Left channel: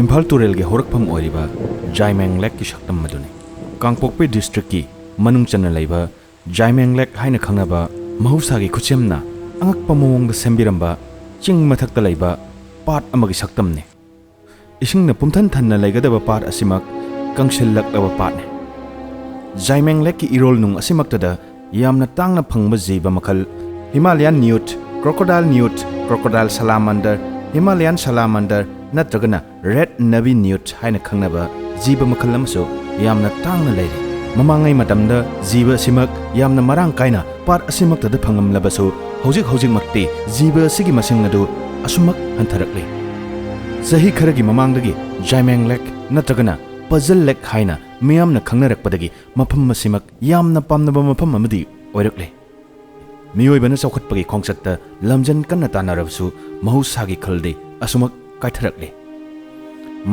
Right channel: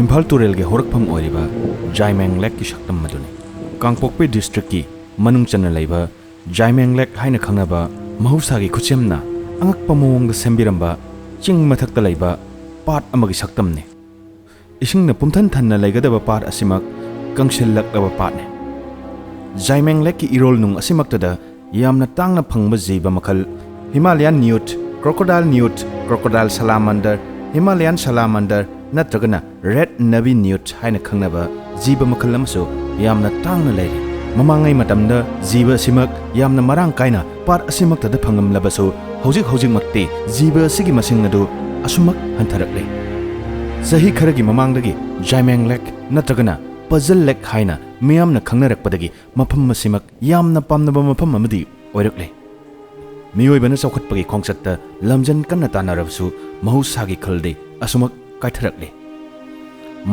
Imphal Turel ge horakpham oiriba Zaimeng Lake ki shaktam madune Kangpokpi district ki manung chana leiba Zaimeng Lake haina khangnaba mahausa gi khuchemna angakpa mawongda sembiramba ching mathakta leiba pat amagi shaktam ne isingna pumthan thanna leigadaba pat asimak kangsillaklaba pat ne Zaimeng Lake ki irol nung asimaktada yamna tangna phangba jiba makhal Himalayan newt, crocodile salamander, Himalayan salamander natragana red navy newt haina khangnaba jiba makhal amso yamna tangna leiri mamangai matamda jiba simak yamna marang kaina par asimaktada phangam labaso hojik makte jiba sigi masing adu asumak hantharakle sahi kharagi mamangdagi Zaimeng Lake natragana puzzle lake haina miyamna khangnarakpadagi mafam masimak yamna pamnaba mafam amadi oirakle miyoibana chawkhatpagi khongchatta lamjan kanna tanarabsu mahusagi khalde asumak kaitharakle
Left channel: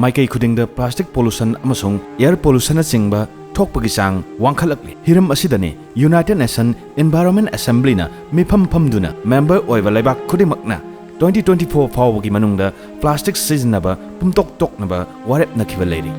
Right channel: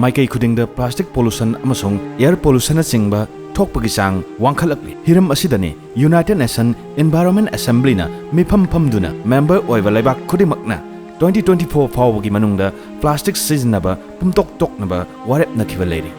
maikai khudingda plastic pollution amasong air pollution chingba thokpagi chang wangkhalakle hiram asidane United Nations Environment Assembly na mifam famduna member oiba laibak khudimakna 2024 fawgi manungda plastic sizinaba pumtok toknaba warep nakhiba leiri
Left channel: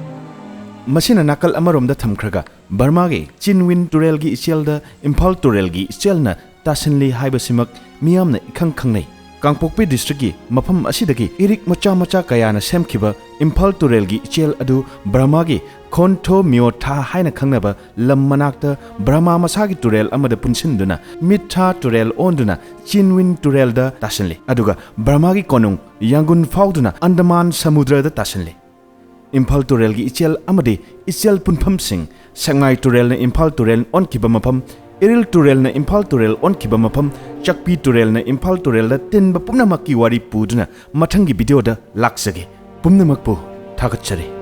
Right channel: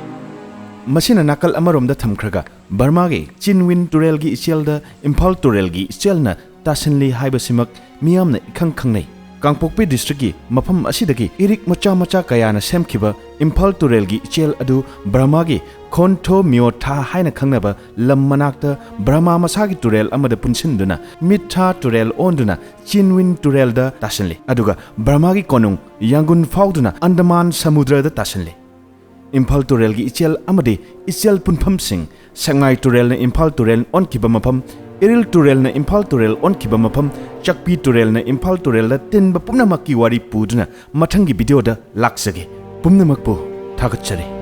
masina nakal amaromda thamkhraga Burma ge Yangoon Turel gi echelda Imphal Turel gi echelna tasinli haibasimak miyamna ikhang khangnei Kangpokpi district gi mafam asidagi irik macha kayana semkhiba Imphal Turel gi echel adu Burma gi khontho myotha haina khangnaba lam manakta Burma masagi Turel amada punsinduna mitha Turel onduna Yangoon Turel da tasinli aduga Burma gi konung Yangoon Youkhiduna Andaman Samudra da tasinli Imphal Turel gi echel amade echel punpham sing Sekmai Turel na Imphal Turel on kiba mafam Iril Turel na Imphal Turel on kiba mafam Chakpi Turel na Imphal Turel da tinba pumnamakki wari puduna mathangi video da laksage pumnamakpu thakachare